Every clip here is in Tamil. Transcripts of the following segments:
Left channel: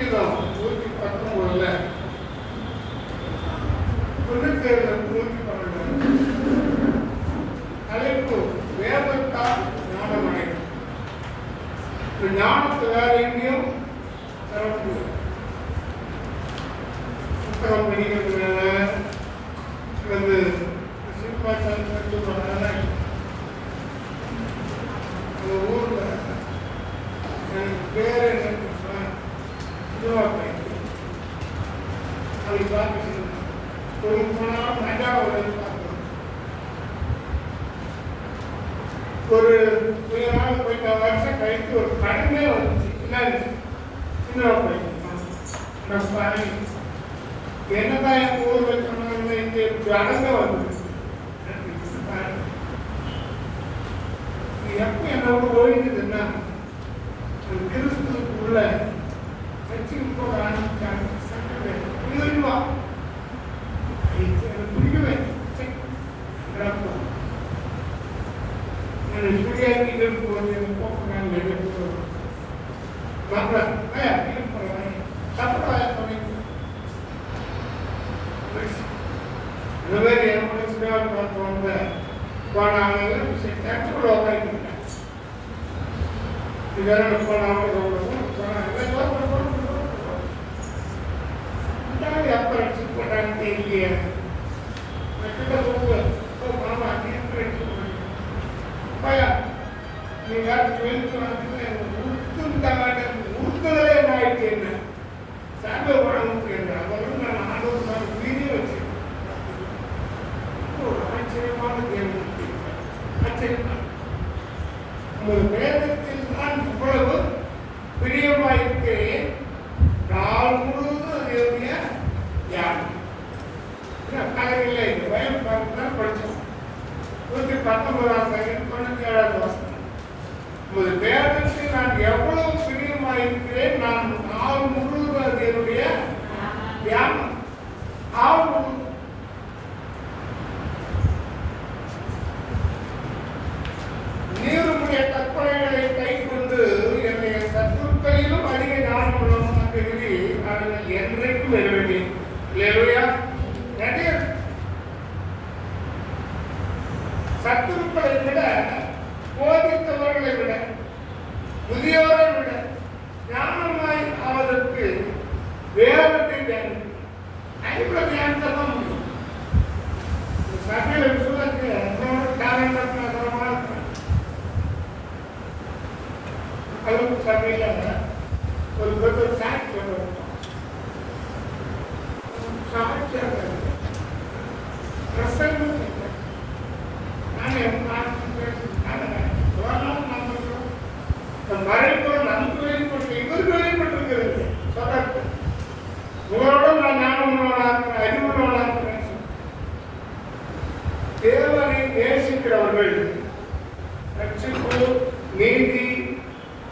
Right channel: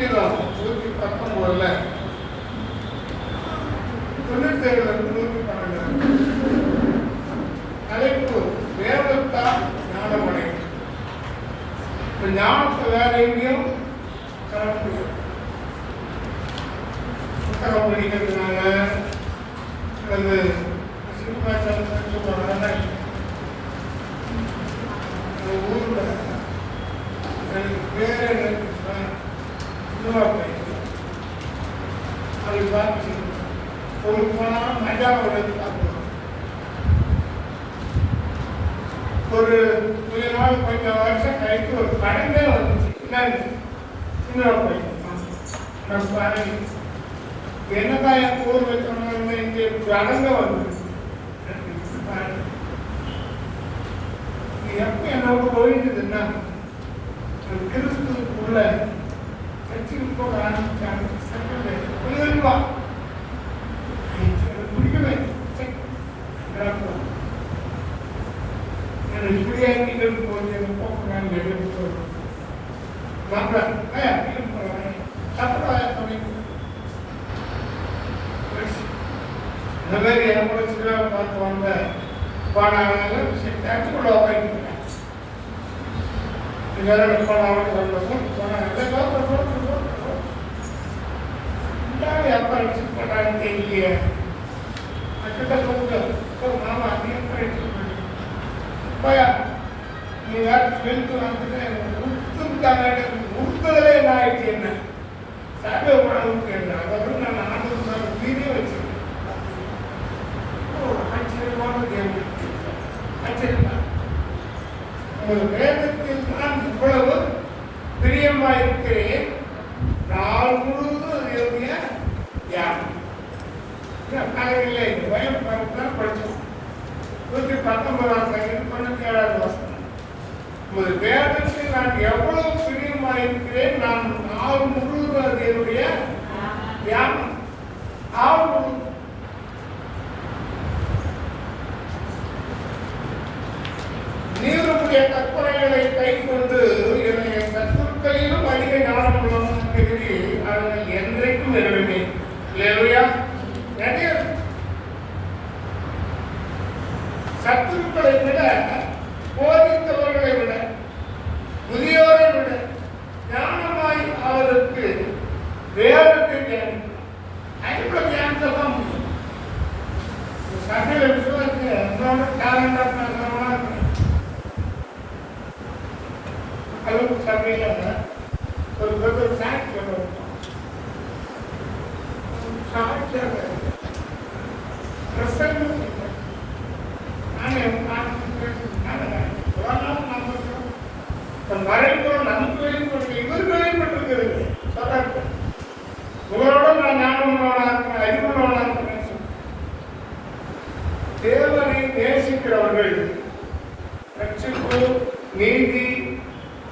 சங்கீதம் 119 97 112 தலைப்பு வேதத்தால் ஞானமடையும். இந்த ஞானத்தை வேற எங்கேயும் தர முடியும். புத்தகம் படிக்கிறதுனால அது சினிமாச்சாரனால அந்த ஊரில் எனக்கு பேர் இதுவாக அது பார்த்து கோவிலுக்கு போனால் மஜாவை பார்க்கணும். ஒரு 2 நாள் போயிட்ட வருஷம் கழித்து ஒரு கடனே வந்துச்சு. சினிமா போயிட்டு என்னதான் எனக்கு ஊரில் சொன்னாங்க, இங்கே கடனே வந்துச்சு. எப்போ என்னோட ஒழிக்குதுன்னா கிறிஸ்துக்குள்ள கட்சிக்கு போக ஆரம்பிச்சாங்க. பிடிக்கவே இந்த மாதிரி என்னோட சினிமாவை பார்த்து வந்த போனாங்க இதெல்லாம் எப்போ அடிச்சுட்டு போட்டாங்க தெரியலையே. மாமா நீ வேற தொழிலுக்கு வந்து உடுத்துட்டாங்க. உடுத்துறதே என்ன ஆயிடுச்சு, என்ன சாப்பிட உடம்பு கேட்க அதாவது நான் ஆண்டு வீடியோ வச்சுருக்கேன். ஆச்சரியமான கேள்வி. ஆச்சரியமா உங்கள் வேதத்தில் நான் இவ்வளவு பிரியமாயிருக்கிறேன். நாள் முழுவதும் அதனுடைய தியானம் இல்லை. வேலை பார்த்து தான் படித்தோம். 119 வசனம். உங்கள் வேதத்தில் நான் எவ்வளவு பிரியமாயிருக்கிறேன். நான் நாள் முழுவதும் அதனுடைய தியானம். நாள் முழுவதும் நீருடைய கற்பனைகளை கை கொண்டு என்னை சத்துருக்களிலும் அதிக ஞானம் உள்ளவன் அவர்கள் என்றைக்கும் நிறைவேறேன். இல்லையா? நிறைய சத்துருக்களை விட, போதித்தவர்களை விட, முதியோரை விட ஞானமாய் அவருக்கு வேதத்தை தியானம் 50 தியானத்தை தான் முடியும். சகையில விசுவாசி என்னோட டேலண்ட் நகரமா கல்வி சபையில ஒரு பெரிய சாட்சி மறைப்புறம் நமக்கு வெளிப்பட்டு இவருக்கு வெளிப்பட்டிருக்கிறது. உங்களோட நான் ஞானமானாக்கிறேன், அறிவுள்ளவனாக்கிறேன். தேவனை நேசிக்கிறவர்கள் ரட்சிப்பு, நீதி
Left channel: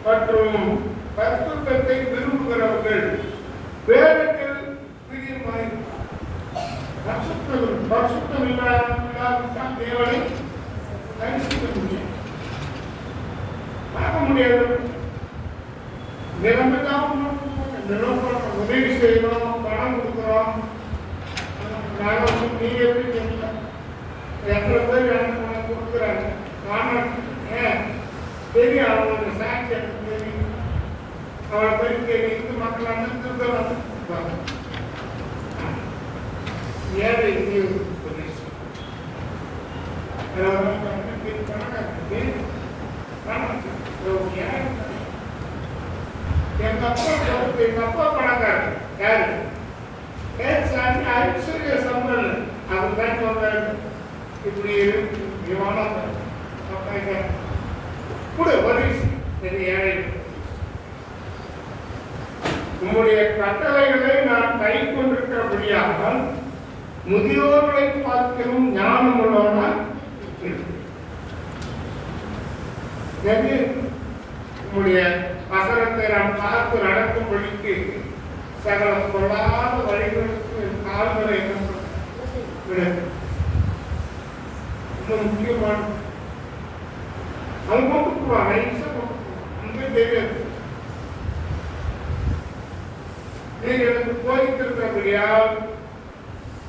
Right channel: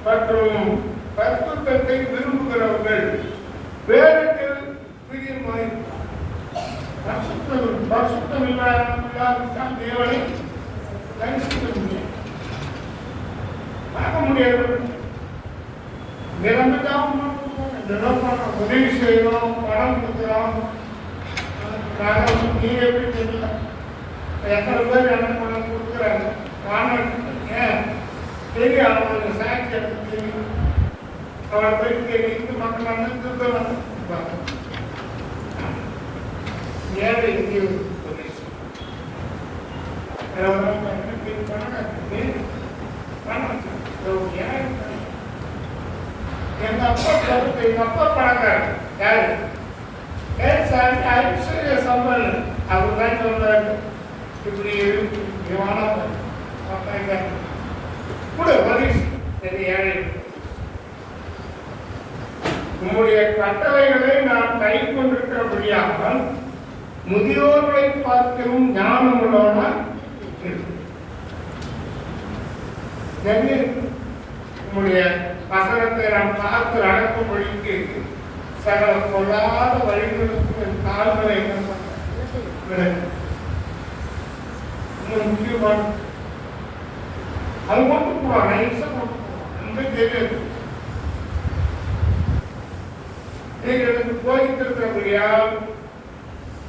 மற்றும் பரிசுத்தத்தை விரும்புகிறவர்கள் வேதத்தில் பிரியமாயிருக்கிறார். பரிசுத்தம் இல்லாமல் தேவனை தரிசிக்க முடியும், பார்க்க முடியாது. நிரந்தரம் உதவி செய்யணும், பணம் கொடுக்குறோம். நீங்க எப்படி தெரியல, எத்தனை பேர் எனக்கு பணம் கொடுக்குறாங்க. காரணம் ஏன் தெரியும், அவங்களுக்கு சாட்சி எனக்கு தெரியும். அவரை போய் தெரியும் மக்கள் வந்து ஏழை இந்திய போலீஸ் எங்க அப்பா கருத்து, எங்க அப்பா பணக்காரர் யாரு ஐஸ்வர்ய சம்பல். அவர் தான் சொல்றாரு, இப்படி கூட போலீஸ் ஏழை. உங்களுடைய கட்டளைகளை நான் கை கொண்டிருக்கிறபடியால் முதியோர்களை பார்க்கும் ஞானம் உள்ளவனாய் உங்களுடைய வசனத்தை நாம் பார்த்து நடக்கும்படிக்கு சகல கொள்ளாத வழிகளுக்கு கால்களை முக்கியமான அது மட்டும் தெரியாது. நீங்கள் எனக்கு போதித்திருக்கிறபடியால்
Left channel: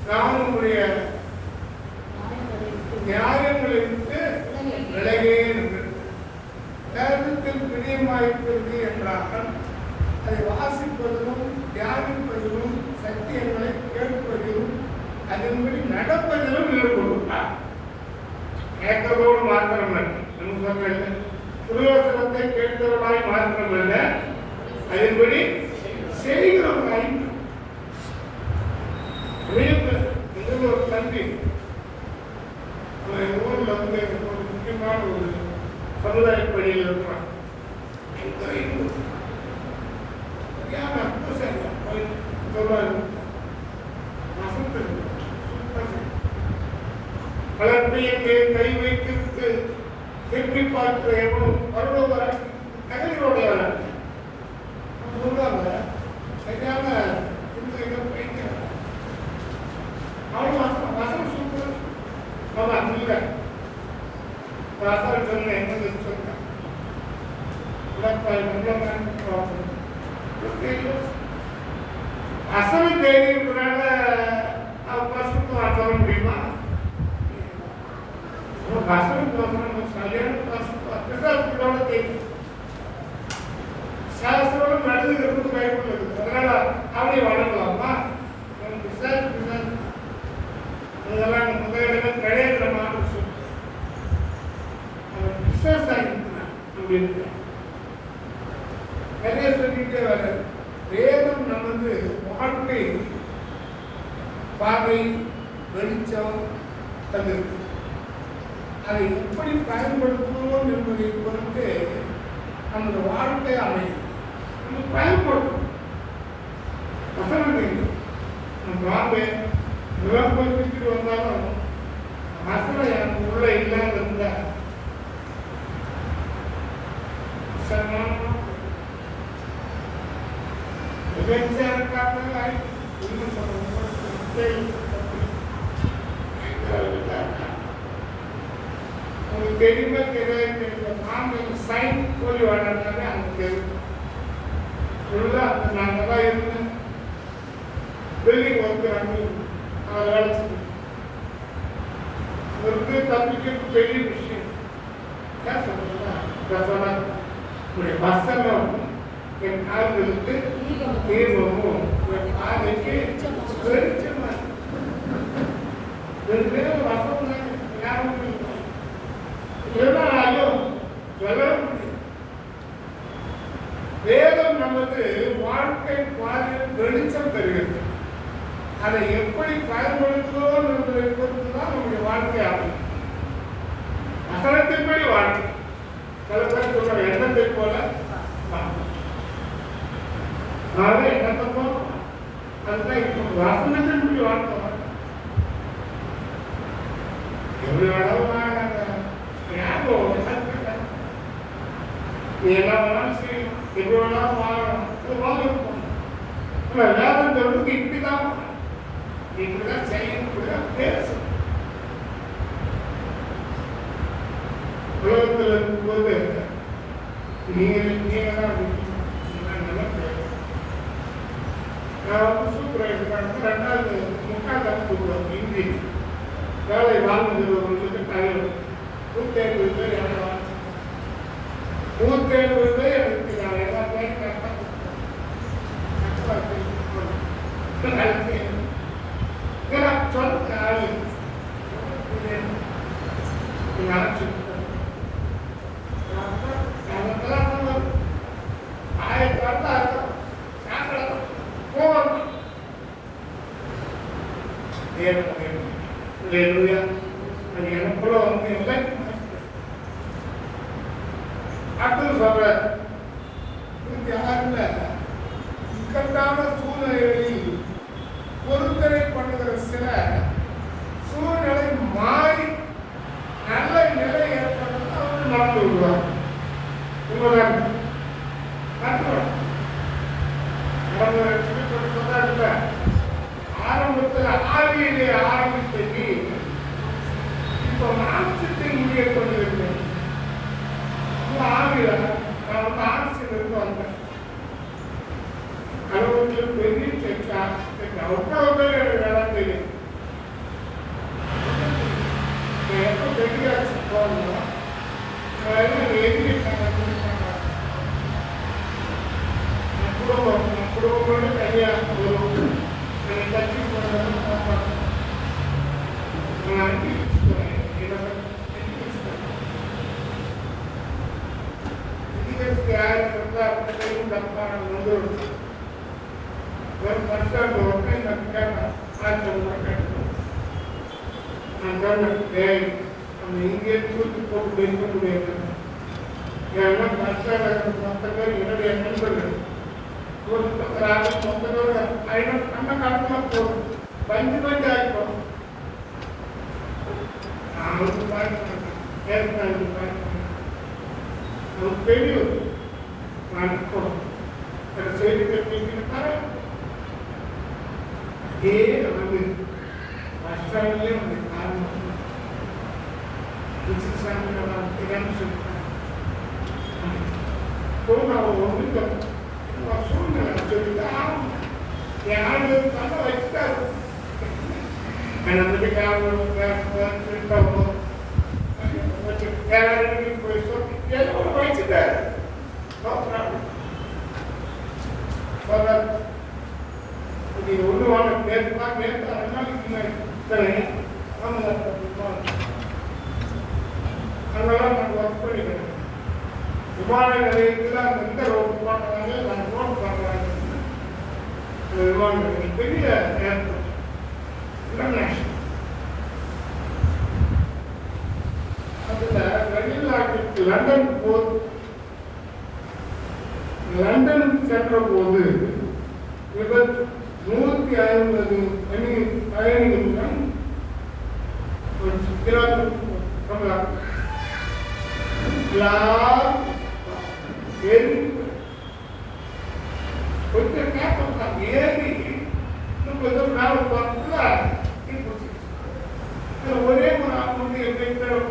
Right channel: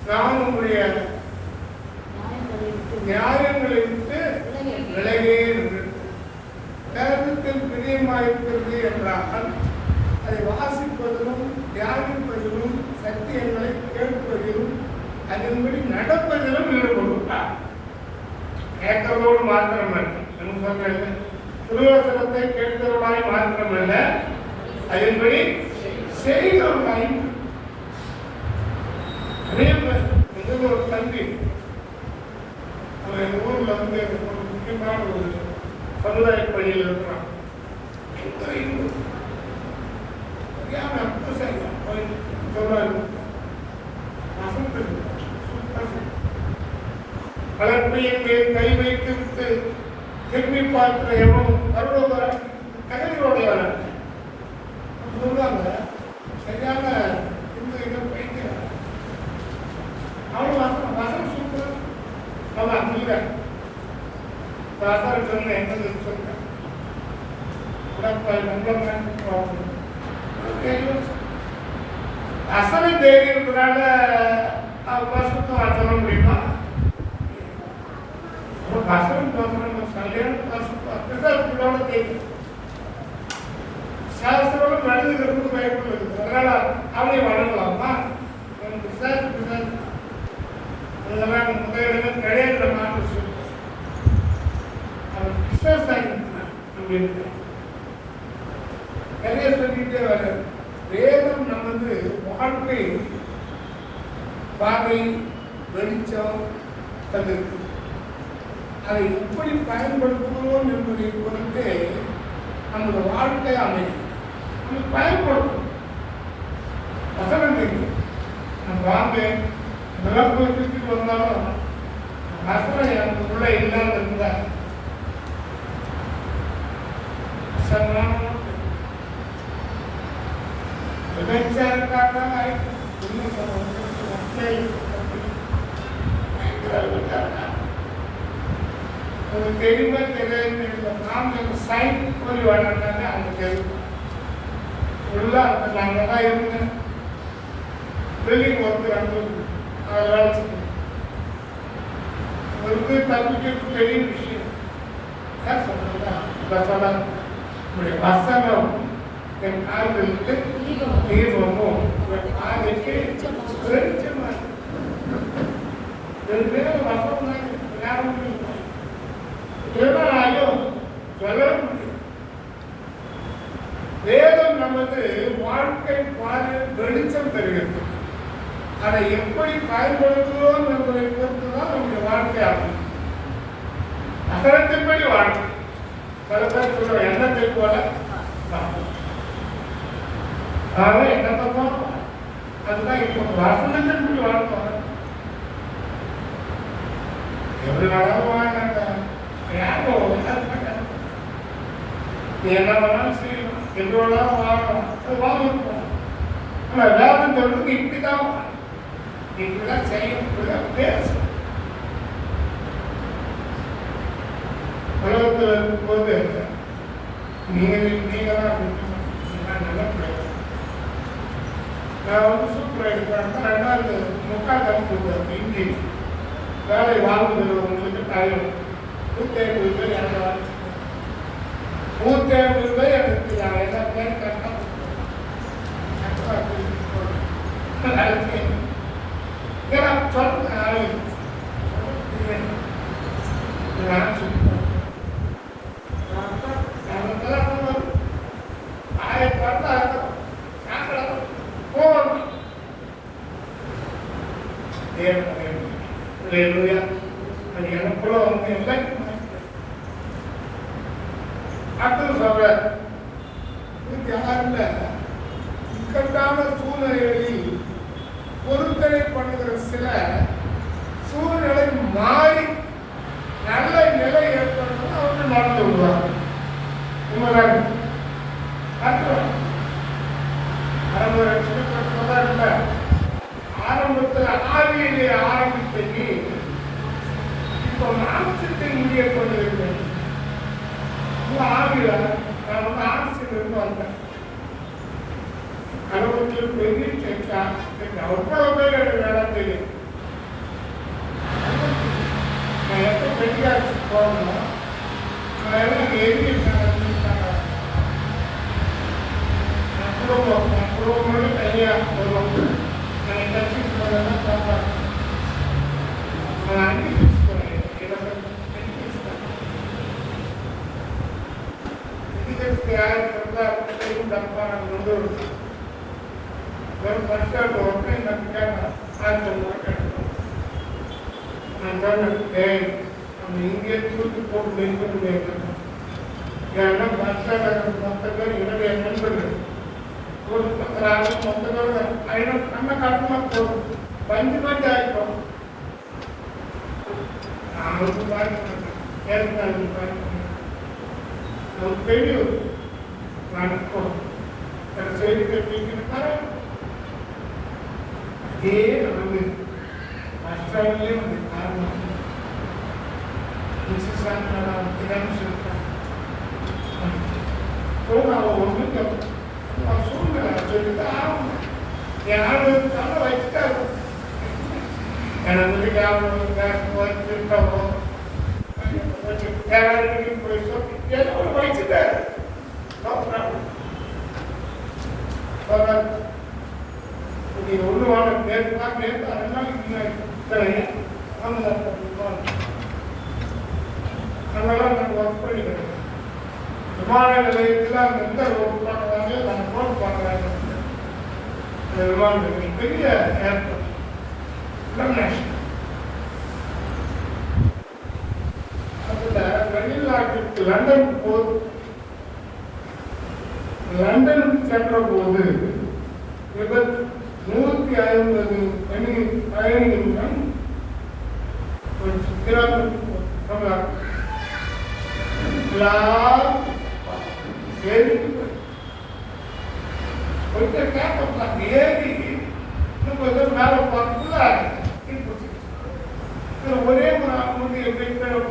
நான் உங்களுடைய நியாயங்களை விட்டு விலகே வேதத்தில் பிரியமாயிருக்கிறது என்றால் அதை வாசிப்பதிலும் தியானிப்பதிலும் சத்தியங்களை கேட்பதிலும் அதன்படி நடப்பதிலும் ஈடுபடுகிறார். கேட்கிறதோடு மாத்திரமல்ல, புரோசனத்தை கேட்கிறவர்களாய் மாத்திரமல்ல, அதன்படி செய்கிறவர்களாய். ஒரு தம்பி அவன் ஊரில் வந்து ஒரு முக்கியமான ஒரு சமுதாய பணியில் இருக்கிறான். கலப்பையின் மேல் கை வைத்து திரும்பி பார்க்கிற எவனும் கதவியோடையவன் சொல்லுவாங்க. சரியான இந்த இதை போய்க்கிறான். அவனும் வசனம் சொல்றது அவன் இல்லை. வசனம் சொல்ல என்ன சொல்றான் அசனை தேடி இருக்கிறால வருஷத்துக்கு சொல்ல முடியுமா? வசனம் போசனம் சரியான தெரியும். சாஸ்திரம் நடந்துக்கிறதுக்கு பயன்படுது. அதனால அவனை வழங்கலாமா? அதெல்லாம் முதலிடம் கிடைக்கிற மாதிரி சொல்லு. அவர் நிறைய சொல்லிட்டே வர வேதம் நமது வாழ்க்கை பாதை வெளிச்சம் தந்திருக்கு. அதை எப்படி பயன்படுத்துகிறோம் என்பதை பொறுத்து நமது வாழ்க்கை அமையும். பயன்படுத்தும் வசனம் வாங்க விளம்பு சுற்றிட்டு வந்தாலும் வசனம் எனக்கு உள்ள இல்லாமல் இருந்தா தெரியுமா தெரியாது. நாம் சைன் போய் வளர்ந்தாங்க அந்த தெரியும். நாங்கள் தான் இருந்தேன். பில்டிங் ஒர்க்கு அதை வளர்ச்சி ஒரு தம்பிக்கு பெரிய விஷயம். ஏன் சொல்றேன்னா வசனம் என் கால்களுக்கு தீர்வமும் என் காலைக்கு வெளிச்சமா. ரெண்டு பேரும் வசனம் தான் யாரும் வேதம் நமது வாழ்க்கை பாதையில் வெளிச்சம் பெறுகிறது. அதை எப்படி பயன்படுத்துகிறோம் என்பதை பொறுத்துதான் நம்முடைய வாழ்க்கை ஆகும். அகலத்தின்படி வாழ்க்கை சில பேர் சொல்ற எண்ணத்தை போல எண்ணத்தப்போ அதுதான் இப்போ வசனத்தின்படி வாழ்க்கை. எப்படி வேணாலும் வாங்க, என்ன வேணாலும் செய்யணும், எப்படி வேணாலும் வாங்கணும், வாங்கிருப்போம். ஆனால் வேதம் சொல்றதுக்கு இப்படிதான் இப்படிதான் செய்யணும், பேசணும். உலகத்தில் இருக்கும்போது நீங்க தான் நல்லா நான் வந்து சூப்பராக இருக்கிறேன். 2003 சூப்பர் இந்தி வேலை வாங்குகிறவர்களுக்கு டைம் 150 பேர் எனக்கு 150 பேர் எனக்கு எல்லா பேரும் கரெக்டாக சொல்ல ஆளு எனக்குள்ள வந்து டாக்டர் சொல்ற யாருல இக்கட்டான சூழ்நிலைகளில் பொருத்தனை பண்ணுகிற சில சூழ்நிலை மாறி நல்ல நிலை ஏற்படுறது அவர்கள் நடந்து விடுவார். ஆரம்பத்தில் ஆவியிலே ஆரம்பித்தது இப்போ மாம்சத்தில் இங்கே கொண்டிருக்கிறேன். ஆவியில நான் வந்து ஆசிரியர் இருந்து வந்தேன். கடவுளுக்கு பெரிய அவ்வளோ பேர் எனக்கு எல்லாம் தெரியும். நான் எப்போ வெளியாச்சு போகணும் நான் எல்லாம் எழுதியிருக்காங்க குடும்பம் தனியாக போகணும் எனக்கு கட்சி போனதான் காப்பாற்றணும். நான் அனுப்பிச்சு போகிறேன் இதுக்கு யார் இருந்தாலும் தப்பான நிறுவனம் ஒரு மனுஷன் ஒன்றை நம்பிக்காம சாத்தியம் இங்கே தூக்கி போட்டு நிற்க முடியாது. ஏன்னா மனுஷன் மொத்தங்கள் என்னுடைய நண்பர்கள் ஒரு மொத்தங்கள் நம்ம காலமாக போகும் பஞ்சு பஞ்சு ஆகிப்போம். அவருக்கு தெரியும் நான் செய்தி தெரிவிக்கிறார். இதே வந்து ராஷ்டிராவிலே வந்து காரணம் ஒன்று சூழ்நிலை சொல்லிதான் என் ஆள் தள்ள வச்சுட்டாரு. எனக்கு திருட்டவோ போய் சொல்லி எல்லாம் வச்சுட்டாரு. உருவான நேரத்தான் நேரத்தை 2 நாளைக்கு அதனால நம்ம ஒர்க் பண்ணிக்கிறோம். விமான நிலையத்தில் அந்த எந்த ரோடு பார்க்கறாங்க நம்ம ரோடு பார்க்கறாங்க. விமான நிலையம் பெரிய ஏர்போர்ட் இன்டர்நேஷனல். அதில் வெளிநாட்டுக்கு லண்டன் சென்ற போது 150 பயணிகளிடம் ஒரு சித்திரம் சொன்னார். கொஞ்சம் கேட்க ஏறி கொஞ்சம் மேலே பார்த்துட்டு ஒரே முடிச்சு எல்லாரும்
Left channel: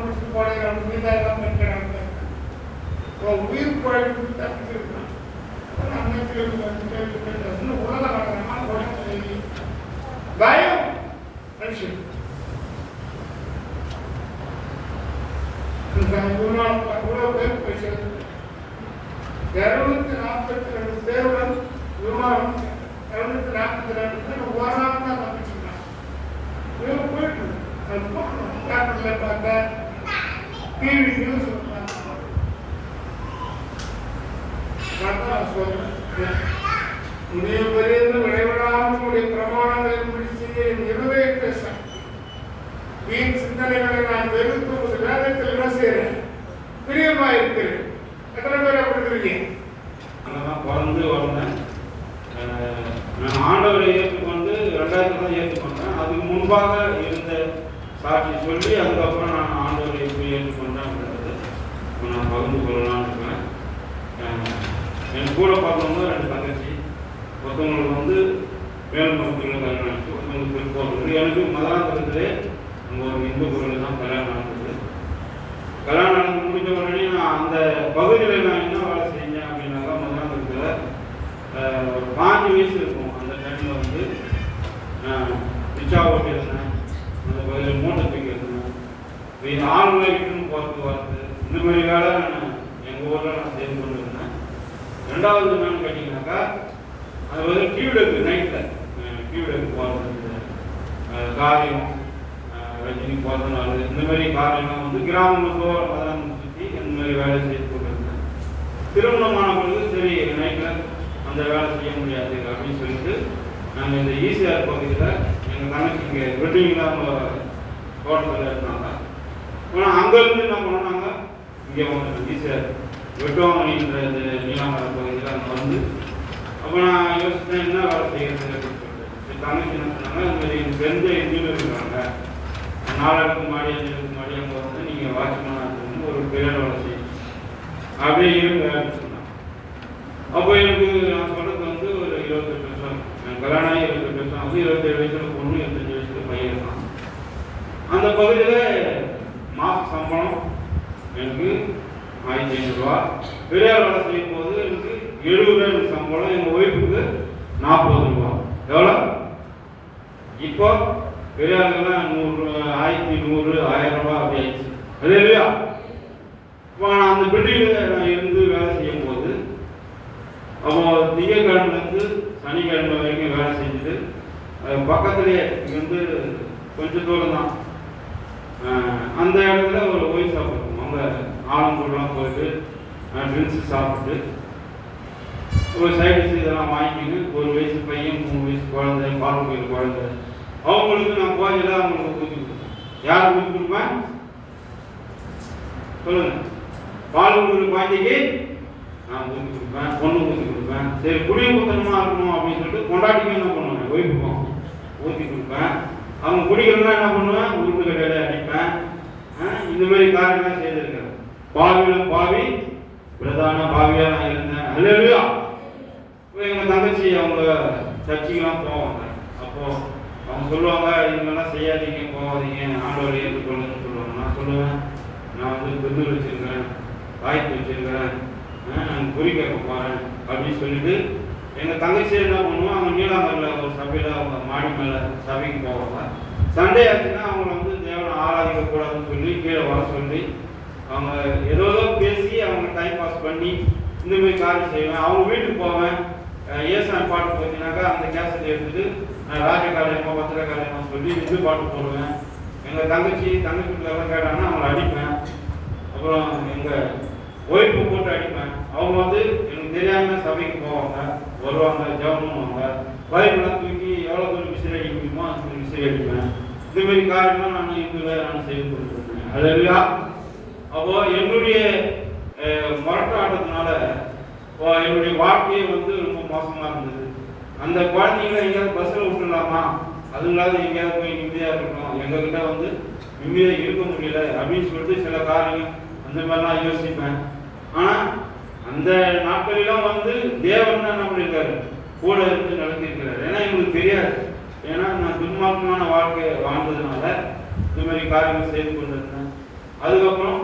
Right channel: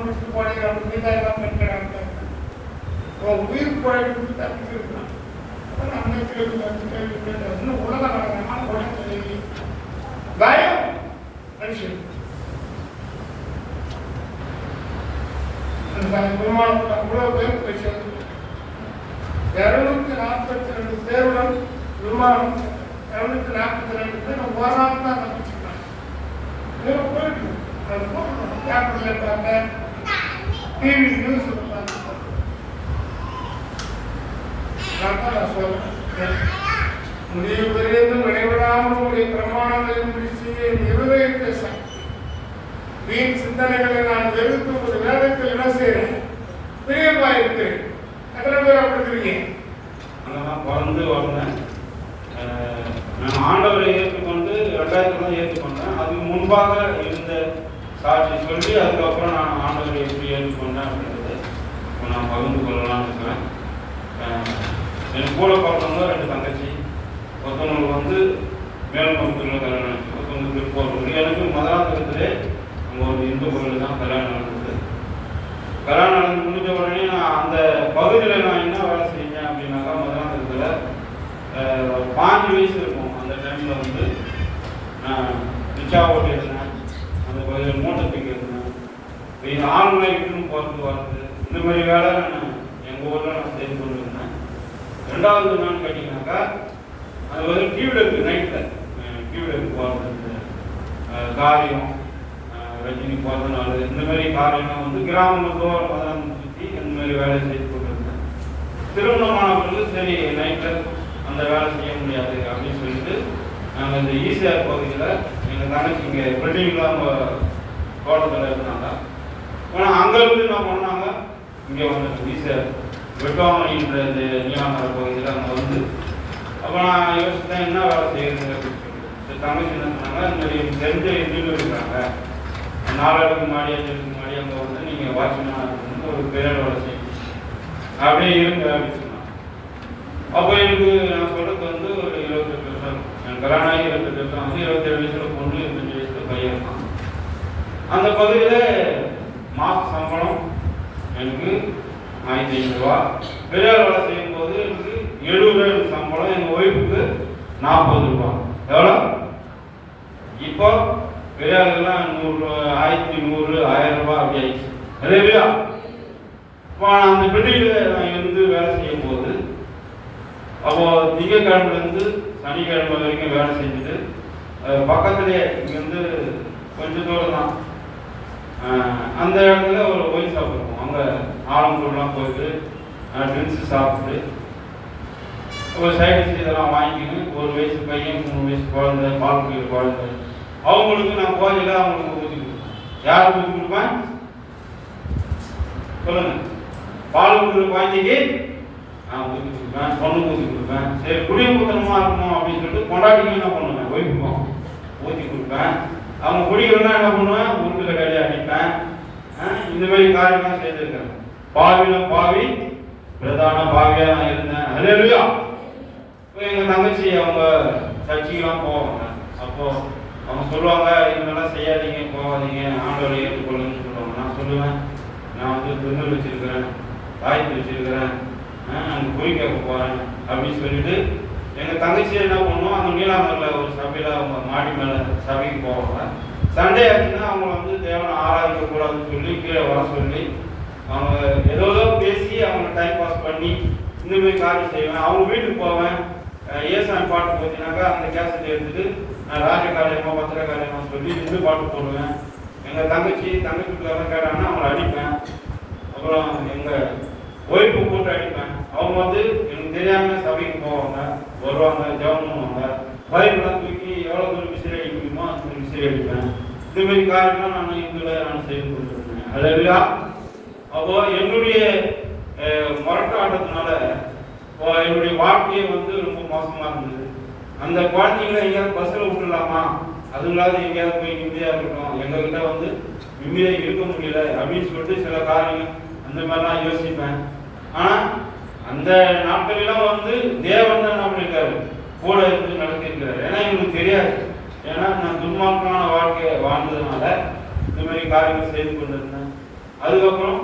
முடிச்சு போனேன் இருக்கிறாங்க. உயிர் குழந்தை தப்பிச்சிருக்கான். பயம் விமானத்தில் அவ்வளோ பேர் போய் சேர்ந்து 242 பேர் விமானம் 242 பேர் ஓராமல் தான் தப்பிச்சிருக்காங்க. போயிட்டு பார்த்தேன் டிவி நியூஸ் முடிய பெரியது நடைபெறாமல் பிரமாணங்களை செய்ய நிறைவேற்ற வீண் சிந்தனைகளை நான் வெறுத்து ஒரு வேதத்தில் என்ன செய்யறேன் பிரியமா இருக்கிறேன். எத்தனை பேர் அப்படி இருக்கீங்க? அங்கதான் பிறந்து வளர்ந்தேன். நான் ஆண்டவரை ஏற்றுக்கொண்டு 2000 ஏற்றுக்கொண்டேன். அதுக்கு முன்பாக இருந்த சாட்சி சொல்லி அதுக்கப்புறம் நான் ஆண்டவரை எப்படி ஏற்றுக்கொண்டேன் அப்படின்றது நான் பகிர்ந்து கொள்ளலாம்னு இருக்கிறேன். என் கூட பிறந்தவங்க 2 தங்கச்சி. ஒருத்தவங்களுக்கு மேலும் பங்குள்ள கல்யாணம் ஆச்சு, ஒருத்தவங்களுக்கு பிற்போல். எனக்கு மதுராந்தகத்திலே அங்கே ஒரு இந்து கோவில் தான் கல்யாணம் நடந்தது. கல்யாணம் நடந்து முடிஞ்ச உடனே நான் அந்த பகுதியில் நான் என்ன வேலை செஞ்சேன் அப்படின்னாக்கா மதுராந்தகத்தில் 5 வயசு இருக்கும். அந்த டைமில் நான் ரிச்சா ஓட்டி இருந்தேன். அந்த பகுதியில் மூட்டத்துக்கு இருந்தேன். இந்த ஆளுநர் வீட்டுன்னு போகிறதுக்கு வரது இந்த மாதிரி வேலை நான் எங்கள் ஊரில் நான் செய்து கொண்டு இருந்தேன். 2வது என்னன்னு கேட்டீங்கன்னாக்கா அது டியூவில் இருக்குது. நைட்டில் டியூவில் போகிறது காரியம் ரஜினி போகிறதுனால இந்த மாதிரி காரியம்லாம் கிராமங்களோ அதெல்லாம் சுற்றி அந்த மாதிரி வேலை செய்து கொண்டிருந்தேன். திருவண்ணாமலை சரி நைட்டில் அந்த வேலை செய்ய முடியாது அப்படின்னு சொல்லிட்டு நாங்கள் இந்த ஈசிஆர் பகுதியில் எங்கள் தங்கச்சி இங்கே பில்டிங்கில் அவங்க தோட்டத்தில் இருந்தாங்க. ஆனால் அங்கேருந்து என்ன பண்ணாங்க இங்கே வந்து ஈசிஆர் வெட்டுவாமணின்ற இந்த நீலாமலை பகுதியில் அங்கே அப்போ நான் யோசித்தேன் என்ன வேலை செய்யறது அப்படின்னு சொல்லிட்டு தங்கச்சி என்ன பண்ணாங்க இந்த மாதிரி தெரிஞ்ச எதுவும் இருக்கிறாங்க 4 முன்னாடி 5 முன்னாடி அங்கே நீங்கள் வாட்ச்மேனாக இருக்கணும் ஒரு பெரிய வேலை செய்யணும் அப்படியே இருந்து ஆரம்பிச்சுருந்தேன். அப்போ எனக்கு நான் சொல்கிறது ஒரு 28 வருஷம் என் கல்யாணம் 28 வருஷம் 27 வயசில் பொண்ணு 25 வயசில் பையன் இருக்கான். அந்த பகுதியில் மாத சம்பளம் எனக்கு 1500 ரூபா. பெரியார் வேலை செய்யும் போது எனக்கு 70 சம்பளம், எங்கள் ஒய்ஃபுக்கு 40 ரூபா. எவ்வளோ? இப்போ பெரியாருக்கெல்லாம் 1100 1000 ரூபா அப்படி ஆயிடுச்சு. அதே இல்லையா? இப்போ நான் அந்த பில்டிங்கில் நான் இருந்து வேலை செய்யும் போது அப்போ திங்கக்கிழமைலேருந்து சனிக்கிழமை வரைக்கும் வேலை செஞ்சுட்டு பக்கத்துலேயே இங்கேருந்து கொஞ்சம் தூரம் தான் அந்த இடத்துல ஒரு கோயில் சாப்பிடுவோம். அங்கே ஆளுங்கூடலாம் போயிட்டு ட்ரிங்க்ஸு சாப்பிட்டு ஒரு சைடு இதெல்லாம் வாங்கிக்கின்னு 1 வயசு பையன் 3 வயசு குழந்தை பால் குழந்தை அவங்களுக்கு நான் போயில அவங்களுக்கு ஊற்றி யார் ஊற்றி கொடுப்பேன் சொல்லுங்க. பால் கொடுக்குற குழந்தைக்கு நான் ஊற்றி கொடுப்பேன், பொண்ணுக்கு ஊற்றி கொடுப்பேன். சரி குடியிருப்பத்தனமா இருக்கணும் அப்படின்னு சொல்லிட்டு கொண்டாட்டிங்க என்ன பண்ணுவேன், ஒய்ஃபுக்கும் ஊற்றி கொடுப்பேன். அவங்க குடிக்கிறதா என்ன பண்ணுவேன், வீட்டு கடையில அடிப்பேன். இந்த மாதிரி காரியம்லாம் செய்திருக்கேன். பாவியிலும் பாவி பிரதான பாவியாக நான் இருந்தேன். அல்லேலூயா. இப்போ எங்கள் தங்கச்சி அவங்க சர்ச்சைக்கெல்லாம் போவாங்க. அப்போது அவங்க சொல்லுவாங்க, இதெல்லாம் செய்யாதீங்க, போகாதீங்க, ஆண்டவரை ஏற்றுக்கொள்ளுன்னு சொல்லுவாங்க. நான் சொல்லுவேன், நான் வந்து திருநூல் வச்சிருக்கிறேன், வாய்ப்பு வச்சிருக்கிறேன், நான் குறி கேட்க போகிறேன் அப்படின்னு சொல்லிட்டு எங்கள் தங்கச்சி என்ன பண்ணுவோம், அவங்க நீலாந்தரில் ஒரு சபையில் அவங்க மாடி மேலே சபைக்கு போவாங்க. சண்டே ஆச்சுன்னா அவங்கள வந்து தேவனை ஆராதிக்கக்கூடாதுன்னு சொல்லி கீழே வர சொல்லி அவங்க ஏதோ பேசி அவங்க டைம் பாஸ் பண்ணி இந்த மாதிரி காரியம் செய்வேன். அவங்க வீட்டுக்கு போவேன். ஏசாமி பாட்டு பார்த்தீங்கன்னாக்கா அந்த கேசட் எடுத்துட்டு நான் ராஜ காரியமாக பத்திர காரியமாக சொல்லி நின்று பாட்டு போடுவேன். எங்கள் தங்கச்சிக்கு லெவல் கேட்டாங்கன்னா அவங்களை அடிப்பேன். அப்புறம் எங்கள் ஒய்ஃபு போட்டு அடிப்பேன். அவங்க வந்து எனக்கு தெரியாம சபைக்கு போவாங்க, வருவாங்க, ஜெபம் பண்ணுவாங்க. பைபிள்லாம் தூக்கி எவ்வளோ தூரம் விசிறி அடிக்கணுமோ அந்த விசிறி அடிப்பேன். இந்த மாதிரி காரியம்லாம் நான் இதில் நான் செய்து கொடுத்துருக்கேன். அது இல்லையா? அப்போ என்னுடைய முரட்டாட்டத்தினால என்னுடைய வாழ்க்கையை வந்து ரொம்ப மோசமாக இருந்தது. அந்த குழந்தைங்கள எங்கேயாவது பஸ்ஸில் விட்டுடலாமா, அதுங்களாவது எங்கேயாவது போய் நிம்மதியாக இருக்கணும், எங்ககிட்ட வந்து நிம்மதியாக இருக்க முடியல அப்படின்னு சொல்லிட்டு சில காரியம் அந்த மாதிரிலாம் யோசிப்பேன். ஆனால் அந்த நாட்களெல்லாம் வந்து தேவன் தான் நம்ம இருக்காரு, கூட இருந்து நடத்திருக்கிறார். ஏன்னா எங்களுக்கு தெரியாது. ஏன்னா நான் துன்மார்க்கமான வாழ்க்கையை வாழ்ந்ததுனால இந்த மாதிரி காரியங்கள் செய்து கொண்டிருந்தேன். அதுக்கப்புறம்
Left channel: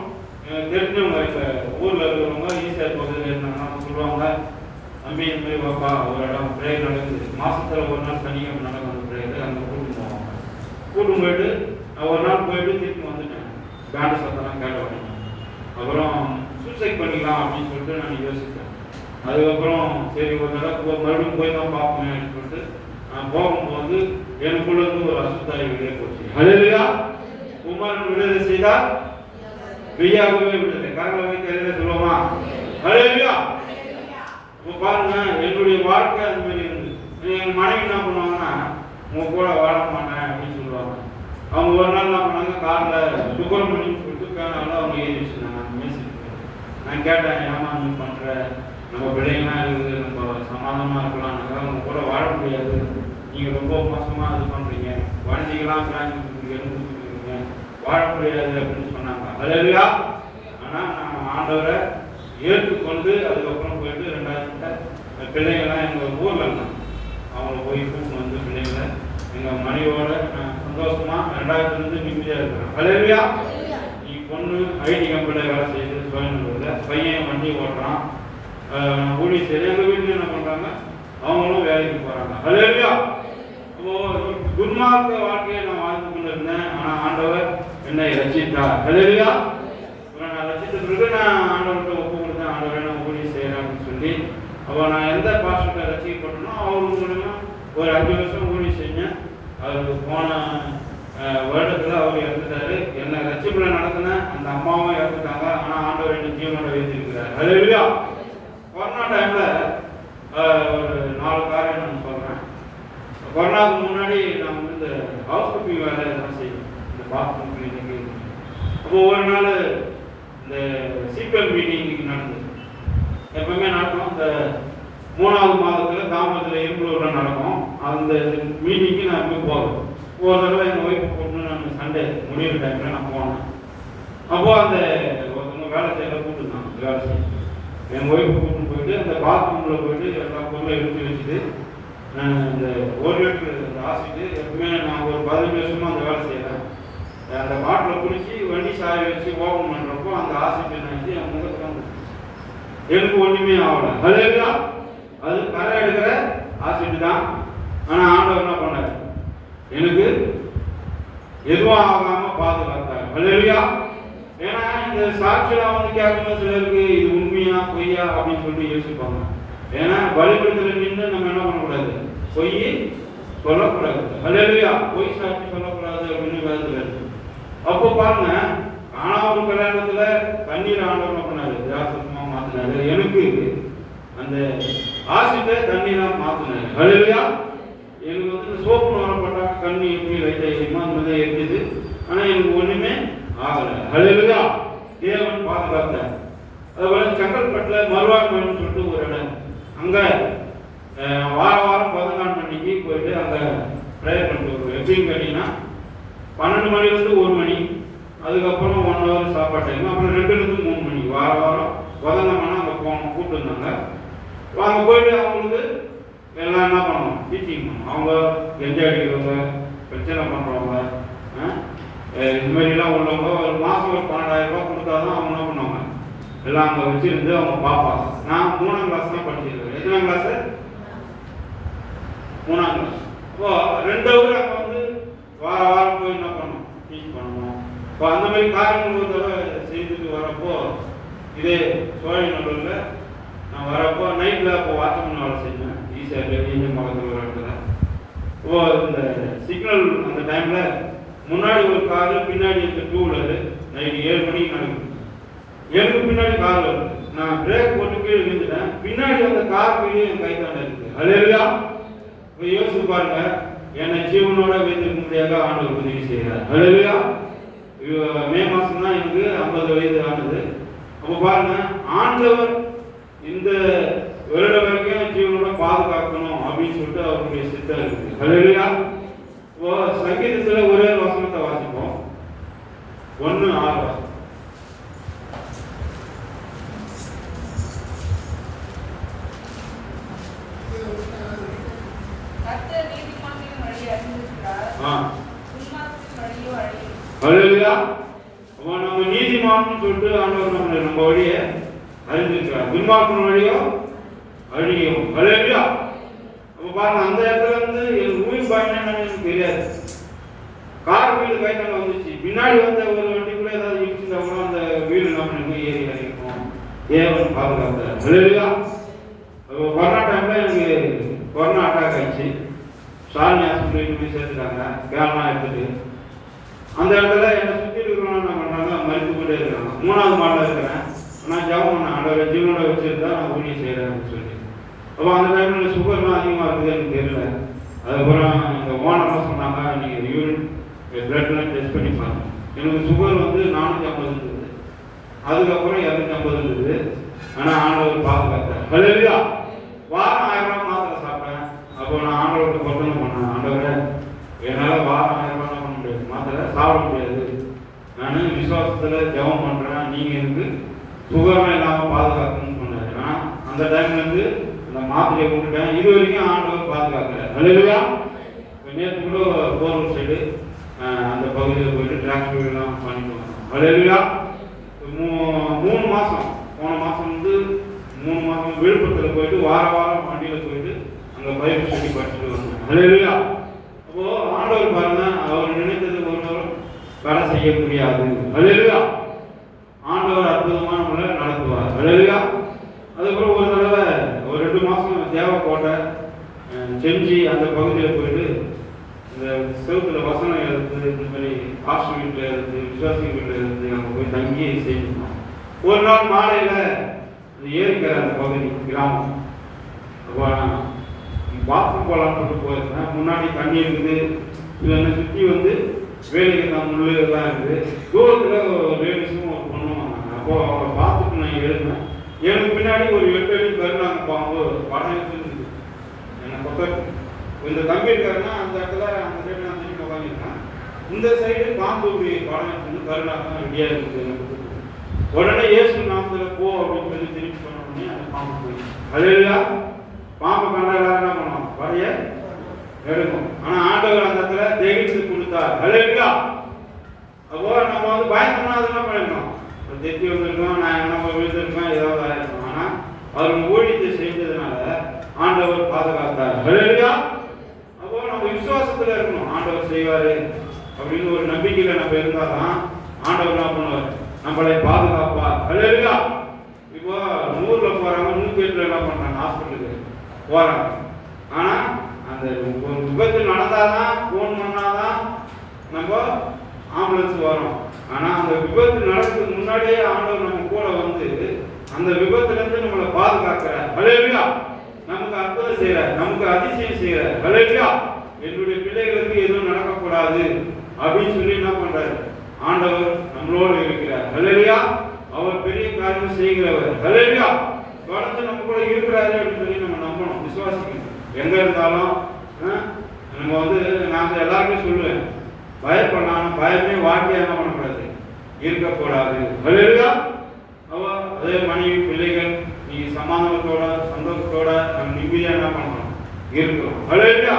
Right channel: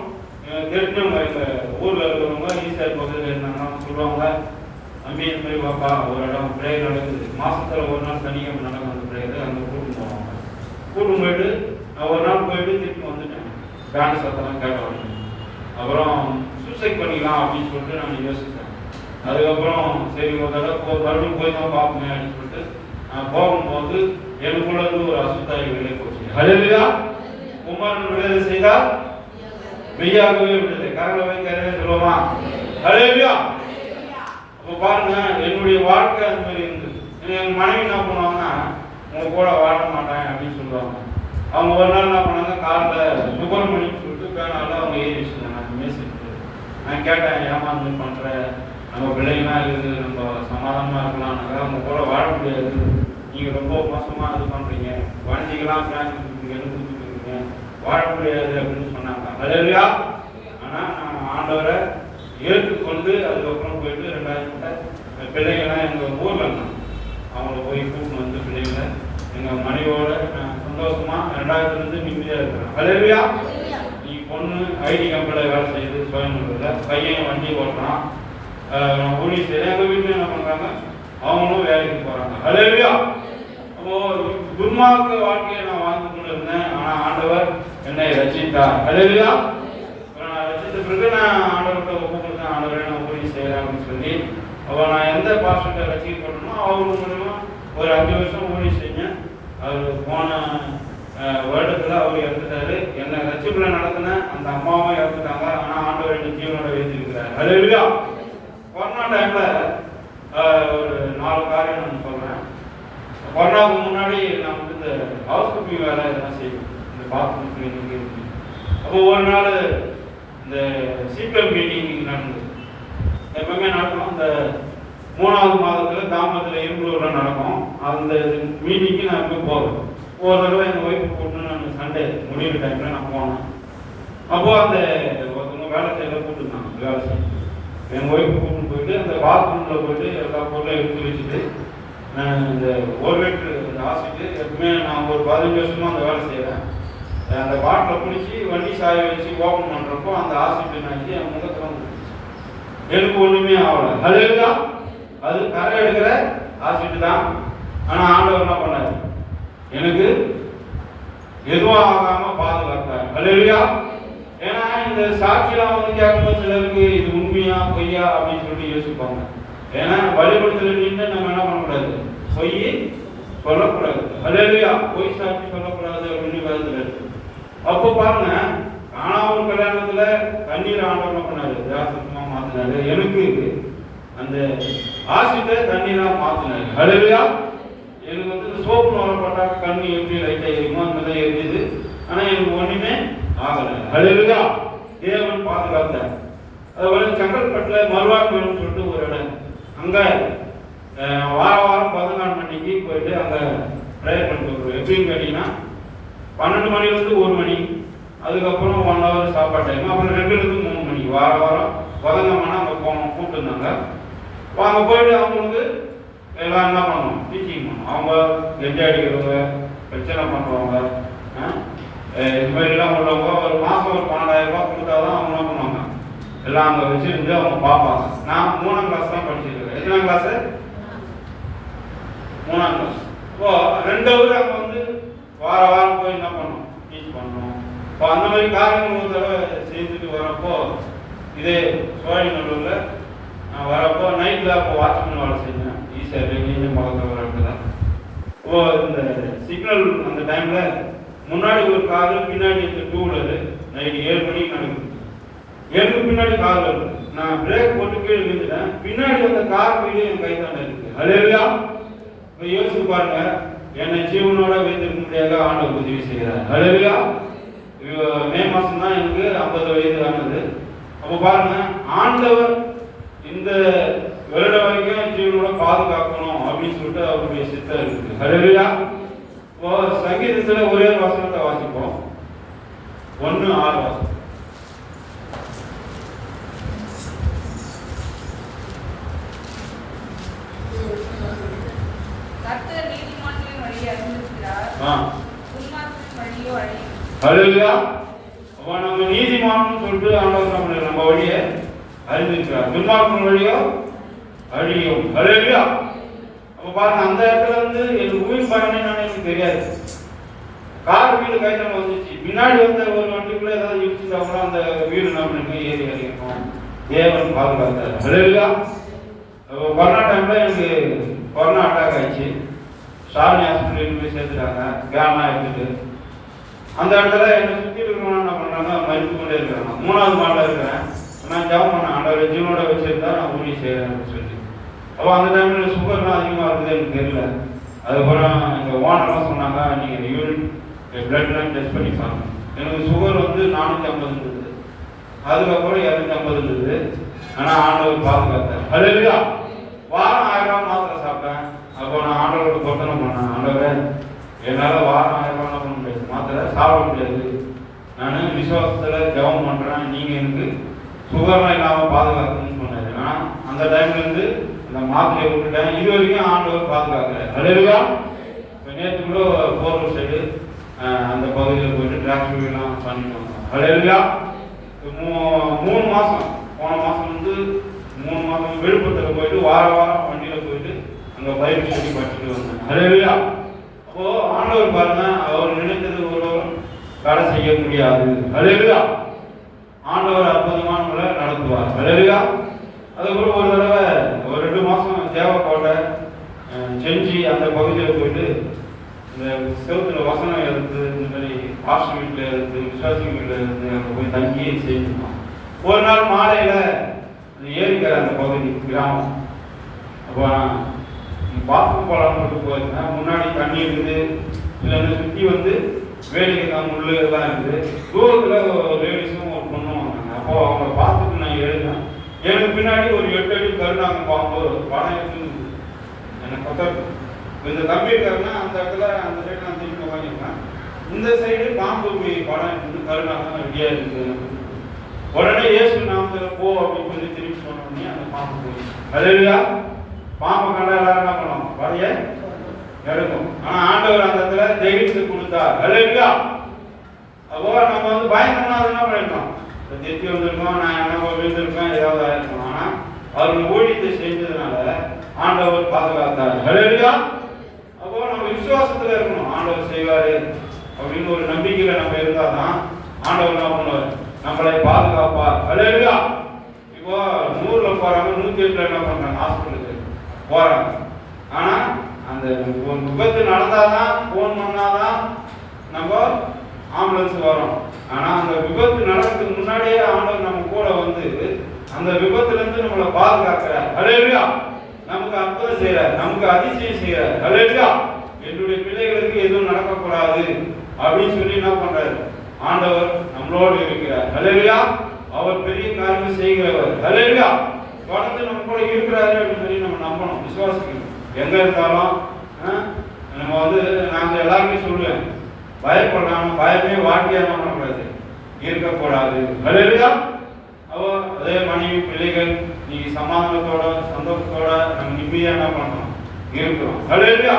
தெரிஞ்சவங்க இப்போ ஊரில் இருக்கிறவங்க ஈஸியாக பகுதியில் இருந்தாங்கன்னா சொல்லுவாங்க, நம்பி இந்த மாதிரி வாப்பா ஒரு இடம் பிரேயர் நடக்குது, மாதத்தில் ஒரு நாள் சனிக்கிழமை நடக்கும் அந்த பிரேயர், அங்கே கூட்டிட்டு போவாங்க. கூட்டும் போயிட்டு ஒரு நாள் போயிட்டு திருப்பி வந்துட்டேன். பேண்ட் சத்தம் கேட்பாங்க. அப்புறம் சூசைட் பண்ணிக்கலாம் அப்படின்னு சொல்லிட்டு நான் யோசித்தேன். அதுக்கப்புறம் சரி ஒரு தடவை போய் தான் பார்ப்பேன் அப்படின்னு சொல்லிட்டு நான் போகும்போது எனக்குள்ள இருந்து ஒரு அசுத்தாய் விடுதலை போச்சு. ஹல்லேலூயா. குமாரன் விடுதலை செய்தால் மெய்யாகவே விடுதலை. கரங்களை வைத்து சொல்லுவோமா? ஹல்லேலூயா. இப்போ பாருங்க, என்னுடைய வாழ்க்கை அந்த மாதிரி இருந்து என் மனைவி என்ன பண்ணுவாங்கன்னா, உங்க கூட வாழ மாட்டேன் அப்படின்னு சொல்லுவாங்க. அவங்க ஒரு நாள் என்ன பண்ணாங்க, காலில் சுகர்மணின்னு சொல்லிட்டு பேனால அவங்க எழுதி வச்சுருந்தாங்க. அந்த மேசிட்டு நான் கேட்டேன், ஏமா நீ பண்ணுற, நம்ம பிள்ளைங்களாம் இருக்குது, நம்ம சமாதானமாக இருக்கலாம்னாக்கா அவங்க கூட வாழ முடியாது, நீங்கள் ரொம்ப மோசமாக இது பண்ணுறீங்க, குழந்தைங்களாம் ஃபேமிலி கொடுக்குறீங்க, எடுத்து கொடுக்குறீங்க, வாழ முடியாது அப்படின்னு சொன்னாங்க. ஹல்லேலூயா. ஆனால் நான் ஆண்டவரை ஏற்றுக்கொண்டு அதுக்கப்புறம் போயிட்டு 2000 பிள்ளைங்கள்லாம் எங்கள் ஊரில் இருந்தாங்க. அவங்கள போய் கூப்பிட்டு வந்து பிள்ளைங்களை எங்கள் மனைவியோட சந்தோஷமா 2000 நிம்மதியாக இருக்கிறாங்க. ஹல்லேலூயா. நீ பொண்ணு ஐடி கம்பெனியில் வேலை செய்யுது கோயம்புத்தூரில், பையன் வண்டி ஓட்டுறான், ஊழி செய்ய எங்கள் வீட்டில் என்ன பண்ணுறாங்க, அவங்களும் வேலைக்கு போகிறாங்க. ஹல்லேலூயா. அப்போது துன்மார்க்க வாழ்க்கையை நான் வாழ்ந்து கொண்டு இருந்தேன். ஆனால் ஆண்டவர் என்னை ரட்சித்தார். ஹல்லேலூயா. நான் ரட்சித்த பிறகு நான் ஆண்டவர்கிட்ட ஒப்பு கொடுத்தேன், ஆண்டவரை நான் ஊழி செய்கிறேன் அப்படின்னு சொல்லி. அப்போ நான் எந்த பாஸ்டர்கிட்ட ரட்சிக்கப்பட்டனோ அவங்க மூலமா ஒரு 5 வருஷம் ஊழி செஞ்சேன். அது போன வருடத்தில் அவர் இறந்துட்டாரு. என்ன ரட்சிப்பில் நடத்தின அந்த அம்மாவும் இறந்துட்டாங்க. ஆனால் ஆண்டவர் என்ன ஜீவனோட வைத்திருக்கிறார். ஹல்லேலூயா. கொரோனா டைமில் ஒரு 4 காரியம் நான் சொல்கிறேன். கொரோனாவுக்கு முன்னாடி நான் வந்து இந்த ஹவுஸ் கீப்பிங் வேலை எல்லாம் செய்வேன், இந்த பாத்ரூம் கிளீனிங்கு. அப்போ ஒரு நாள் இந்த சிபிஎல் மீட்டிங் நடந்தது. எப்பவுமே நடக்கும், இந்த 3வது மாதத்தில் தாமரத்தில் இரும்புல நடக்கும். அந்த மீட்டிங்கு நான் போய் போகிறேன். ஒரு தடவை எங்கள் ஒய்ஃபை கூப்பிட்டு நான் சண்டே முடிவு டைமில் நான் போனேன். அப்போது அந்த ஒருத்தவங்க வேலை செய்யற கூப்பிட்டுருந்தாங்க. வேலை செய்ய எங்கள் ஒய்ஃபை கூப்பிட்டு போயிட்டு அந்த பாத்ரூமில் போயிட்டு எல்லா பொருளையும் எடுத்து வச்சுட்டு இந்த 1 லிட்டர் இந்த ஆசிட்டு எப்பவுமே நான் ஒரு 15 வருஷமாக அந்த வேலை செய்கிறேன். அந்த பாட்டில் குளிச்சு வண்டி சாய வச்சு ஓப்பன் பண்ணுறப்போ அந்த ஆசிட்டு நினச்சி என் முகத்தில் வந்து எனக்கு ஒன்றுமே ஆகலை. ஹல்லேலூயா. அது கரை எடுக்கிற ஆசிட் தான். ஆனால் ஆண்டவர் என்ன பண்ணாரு? எனக்கு எதுவும் ஆகாம பாதுகாத்தார். ஹல்லேலூயா. ஏன்னா இந்த சாட்சியில வந்து கேட்கும்போது சிலருக்கு இது உண்மையா பொய்யா அப்படின்னு சொல்லி யோசிப்பாங்க. ஏன்னா வழிபடுத்தல நின்று நம்ம என்ன பண்ணக்கூடாது? பொய் சொல்லக்கூடாது. ஹல்லேலூயா. பொய் சாட்சி சொல்லக்கூடாது அப்படின்னு கருதுறாரு. அப்போ பாருங்க, ஆனாவும் கல்யாணத்துல தண்ணீர் ஆண்டவன் பண்ணாரு, திராட்சமா மாத்தினாரு. எனக்கு அந்த ஆசிட்ட தண்ணீரா மாத்தினாரு. ஹல்லேலூயா. எனக்கு வந்து சோப்பு வரப்பட்டா கண்ணு எப்படி லைட்டா எரியுமோ அந்த மாதிரி எரியுது. ஆனா எனக்கு ஒண்ணுமே ஆகல. ஹல்லேலூயா. தேவன் பாதுகாத்தார். அதுபோல செங்கல்பட்டுல மறுவாழ்வுன்னு சொல்லிட்டு ஒரு இடம், அங்க வாரம் 14 மணிக்கு போயிட்டு அங்க ப்ரேயர் பண்ணுறோம். எப்படின்னு கேட்டீங்கன்னா 12 மணிலேருந்து 1 மணி, அதுக்கப்புறம் 1 ஹவர் சாப்பாடு டைம், அப்புறம் 2லேருந்து 3 மணி வாரம் புதன்கிழமைனா அங்கே போகணும் கூப்பிட்டுருந்தாங்க. அங்கே போயிட்டு அவங்களுக்கு எல்லாம் என்ன பண்ணணும்? டீச்சிங் பண்ணணும். அவங்க எந்த அடிக்கிறவங்க, பிரச்சனை பண்ணுறவங்க, இது மாதிரிலாம் உள்ளவங்க ஒரு மாதம் ஒரு 12,000 ரூபா கொடுத்தா தான் அவங்க என்ன பண்ணுவாங்க, எல்லாம் அங்கே வச்சுருந்து அவங்க பார்ப்பாங்க. நான் 3ஆம் கிளாஸ் தான் படிச்சிருக்கேன். எத்தனாம் கிளாஸு? 3ஆம் கிளாஸ். இப்போ 2 ஹவர் அங்கே வந்து வாரம் போய் என்ன பண்ணணும்? டீச் பண்ணணும். இப்போ அந்த மாதிரி காரியங்கள் ஒரு தடவை செய்துட்டு வரப்போ, இதே சோழநல்லூரில் நான் வரப்போ நைட்டில் அப்போ வாட்ச்மேன் வேலை செஞ்சேன். ஈஸியாக மகத்தில் வர இடத்துல இப்போ இந்த சிக்னல் அந்த டைமில் முன்னாடி ஒரு காரு, பின்னாடி இந்த 2 வீலரு. நைட்டு 7 மணிக்கு நான் எனக்கு பின்னாடி கார் வருது. நான் பிரேக் போட்டு கீழே விழுந்துட்டேன். பின்னாடி அந்த கார் கீழே என் கை தாண்ட இருக்கு. ஹல்லேலூயா. இப்போ யோசிச்சு பாருங்க, என்னை ஜீவனோட வைத்திருக்க முடியாத ஆண்டவர் உதவி செய்கிறார். ஹல்லேலூயா. மே மாதம் தான் எனக்கு 50 வயது ஆனது. அப்போ பாருங்க, ஆண்டவர் இந்த வருட வரைக்கும் ஜீவனோட பாதுகாக்கணும் அப்படின்னு சொல்லிட்டு அவருடைய சித்தம் இருக்கு. ஹல்லேலூயா. இப்போ சங்கீதத்தில் ஒரே வசனத்தை வாசிப்போம். 1:6 வாசம். ஹல்லேலூயா. அப்போ நம்ம நீதிமான் சொல்லிட்டு ஆண்டவர் நம்ம வழியை அறிந்திருக்கிறார். துன்மார்க்கன் வழியோ அழியும். ஹல்லேலூயா. அப்போ பாருங்க, அந்த இடத்துல வந்து எனக்கு உயிர் பயணம் எனக்கு தெரியாது. கார் வீடு கைத்தங்க வந்துச்சு. பின்னாடி வந்த ஒரு வண்டிக்குள்ள ஏதாவது இடிச்சுட்டாங்களோ அந்த வீடு நம்ம ஏறி அறியணும். தேவன் பாதுகாத்தார். ஹல்லேலூயா. கொரோனா டைம்ல எனக்கு கொரோனா அட்டாக் ஆயிடுச்சு. ஸ்டாலினி ஹாஸ்பிட்டல் போய் சேர்த்துட்டாங்க. கேம்லாம் எடுத்துட்டு அந்த இடத்துல என்னை சுற்றி இருக்கிறவங்க என்ன பண்ணுறாங்க, மறுத்து கொண்டே இருக்கிறாங்க. 3வது மாடில் இருக்கிறேன். நான் ஜெபம் பண்ணேன், ஆண்டவரை ஜீவனோட வச்சிருந்தா நான் ஊழியம் செய்கிறேன்னு சொல்லி. அப்போ அந்த டைமில் சுகர்லாம் அதிகமாக இருக்குது எனக்கு தெரியல. அதுக்கப்புறம் எங்கள் ஓனர்லாம் சொன்னாங்க, நீங்கள் யூரின் பிளட்லாம் டெஸ்ட் பண்ணி பாருங்க. எனக்கு சுகர் வந்து 450 இருந்தது. அதுக்கப்புறம் 250 இருந்தது. ஆனால் ஆண்டவர் பாதுகாத்தார். ஹல்லேலூயா. வாரம் 1000 ரூபா மாத்திரை சாப்பிட்டேன். அப்போ நான் ஆண்டவருக்கு பொருத்தனை பண்ணேன், ஆண்டவரை என்னால் வாரம் 1000 ரூபா பண்ண முடியாது, மாத்திரை சாப்பிட முடியாது. நான் விசுவாசத்தில் ஜெபம் பண்ணுறேன், நீங்கள் எனக்கு சுகர்லாம் இல்லாமல் பாதுகாக்கணும்னு சொன்னார். ஆனால் அந்த டைம்லேருந்து அந்த மாத்திரையை விட்டுட்டேன். இது வரைக்கும் ஆண்டவர் பாதுகாக்கல. ஹல்லேலூயா. இப்போ நேற்று கூட போரூர் சைடு அந்த பகுதியில் போயிட்டு டிராக்டர்லாம் பண்ணிட்டு வந்தோம். ஹல்லேலூயா. 3 மாதம், போன மாதம் வந்து 3 மாதம் விழுப்புரத்தில் போயிட்டு வாரம் வண்டியில் போயிட்டு அங்கே பயிர் சொல்லி படிச்சுட்டு வந்தேன். ஹல்லேலூயா. அப்போ ஆண்டவர் பாருங்க, அவர் நினைத்தது ஒருவர் வேலை செய்ய முடியாது. ஹல்லேலூயா. ஆண்டவர் அற்புதமான முறை நடத்துவார். ஹல்லேலூயா. அதுக்கப்புறம் ஒரு தடவை ஒரு 2 மாதம் தேவக்கோட்டை செஞ்சு அந்த பகுதியில் போயிட்டு இந்த செவத்தில் வசனம் எடுத்து இந்த மாதிரி ஹாஸ்டல் வீட்டில் எடுத்து விசுவாசி வீட்டில் இருந்து அங்கே போய் தங்கி செய்யணும். ஒரு நாள் மாலையில் இந்த ஏரிக்கிற அந்த பகுதி கிராமம், அப்போ பாத்ரூம் போகலான்னு போயிருந்தேன். முன்னாடி தண்ணி இருக்குது, இல்லை சுற்றி வந்து வேலைக்கு தான் முள்ளு எல்லாம் இருக்குது. தூரத்தில் ஒரு லேடிஸும் ஒரு பொண்ணும். அப்போது அவங்க பார்த்துட்டு நான் எழுதினேன். எனக்கு பின்னாடி ஒரு 8 அடி கருணாங்க பாம்பு படம் எடுத்துருந்துது என்னை பக்கத்து. இந்த தம்பி இருக்காருன்னா அந்த இடத்துல அந்த சைடு நான் திரும்பி உட்காந்துருக்கேன். இந்த சைடு பாம்பு படம் எடுத்து கருணாங்க ரெடியாக இருக்குது. உடனே ஏசு நாமத்தில் போ அப்படின்னு சொல்லி திரும்பி சொன்னோடனே அந்த பாம்பு போயிடுச்சு. ஹல்லேலூயா. பாம்பு கண்டா எல்லாரும் என்ன பண்ணோம், படைய எடுக்கும். ஆனால் ஆண்டவர் அந்த இடத்துல தைரியத்தை கொடுத்தார். ஹல்லேலூயா. அப்போ நம்ம வந்து பயங்கரமா என்ன பண்ணிருக்கோம், தெத்தி வந்திருக்கோம், நான் என்ன விழுந்திருக்கோம், ஏதாவது ஆயிருக்கோம். ஆனால் அவருக்கு ஊழியத்தை செஞ்சதுனால பாதுகாத்தார். ஹல்லேலூயா. அப்போ நம்ம விசுவாசத்துல இருக்கணும். ஆண்டவர் செய்வாரு அப்படின்னு ஒரு நம்பிக்கையில நம்ம இருந்தாதான் ஆண்டவர் என்ன பண்ணுவார், நம்மளை பாதுகாப்பார். ஹல்லேலூயா. இப்போ 100ல போறாங்க, 108ல என்ன பண்றாங்க, ஹாஸ்பிட்டலுக்கு போறாங்க. ஆனா அந்த விபத்து நடந்தாதான், போன் பண்ணாதான் நம்ம ஆம்புலன்ஸ் வரும். ஆனா அந்த விபத்து நடக்கிறதுக்கு முன்னாடியே ஆண்டவர் நம்ம கூட வந்து அந்த விபத்துல இருந்து நம்மளை பாதுகாக்கிறார். ஹல்லேலூயா. நமக்கு அற்புதம் செய்யறார், நமக்கு அதிசயம் செய்யறார். ஹல்லேலூயா. என்னுடைய பிள்ளைகளுக்கு எதுவும் நடக்கக்கூடாது அப்படின்னு சொல்லி என்ன பண்றாரு, ஆண்டவர் நம்மளோடு இருக்கிறார். ஹல்லேலூயா. அவர் பெரிய காரியம் செய்கிறவர். ஹல்லேலூயா. தொடர்ந்து நம்ம கூட இருக்கிறாரு அப்படின்னு சொல்லி நம்ம நம்பணும், விசுவாசிக்கணும். எங்க இருந்தாலும் நம்ம வந்து நான் எல்லாருமே சொல்லுவேன், பயப்படலாம், பயமே வாழ்க்கையா என்ன பண்ணக்கூடாது, இருக்கக்கூடாது. ஹல்லேலூயா. அதே மனைவி பிள்ளைகள் நீ சமாதானத்தோட சந்தோஷத்தோட நம்ம நிம்மதியா என்ன பண்ணணும், இருக்கிறோம். ஹல்லேலூயா.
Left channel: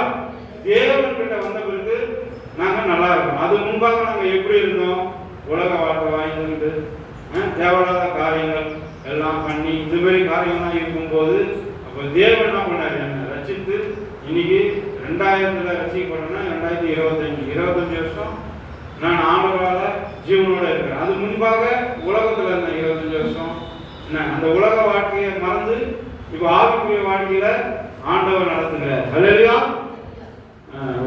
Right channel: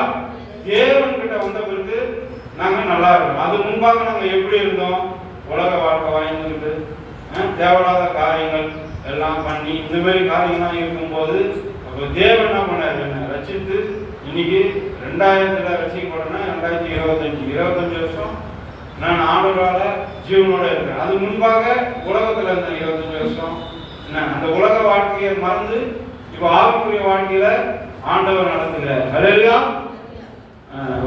தேவன் கிட்ட வந்த பிறகு நாங்க நல்லா இருக்கோம். அது முன்பாக நாங்க எப்படி இருந்தோம், உலக வாழ்க்கை வாங்கிட்டு தேவையில்லாத காரியங்கள் எல்லாம் பண்ணி இந்த மாதிரி காரியங்கள்லாம் இருக்கும்போது அப்போ தேவன் என்ன பண்ணாரு, என்ன ரசித்து இன்னைக்கு 2000ல ரசிக்கப்படணும்னா 2025 வருஷம் நான் ஆண்டவரால ஜீவனோட இருக்கிறேன். அது முன்பாக உலகத்துல இருந்த 25 வருஷம் என்ன அந்த உலக வாழ்க்கையை மறந்து இப்போ ஆவிக்குரிய வாழ்க்கையில ஆண்டவர் நடந்துக்கிறார். ஹல்லேலூயா.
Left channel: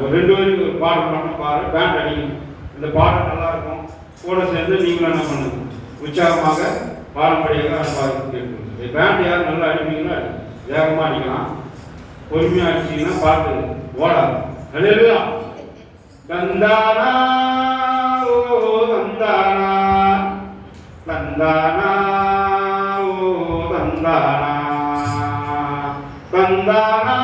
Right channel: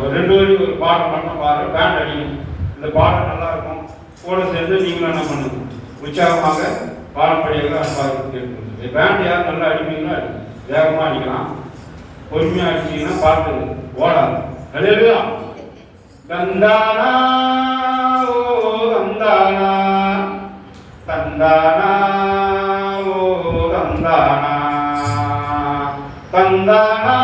ஒரு 2 வரி ஒரு பாடம் பண்ண பாரு, பேண்ட் அடிக்கணும். இந்த பாடம் நல்லா இருக்கும், கூட சேர்ந்து நீங்களும் என்ன பண்ணணும், உற்சாகமாக பாரம்பரிய பாட்டு. பேண்ட் யாரும் நல்லா அடிப்பீங்கன்னா வேகமா அடிக்கலாம், பொறுமையா அடிச்சீங்கன்னா பாட்டு ஓடாது. ஹல்லேலூயா. தந்தானா ஓ தந்தானா, தந்தானா ஓ தந்தானா, தந்தானா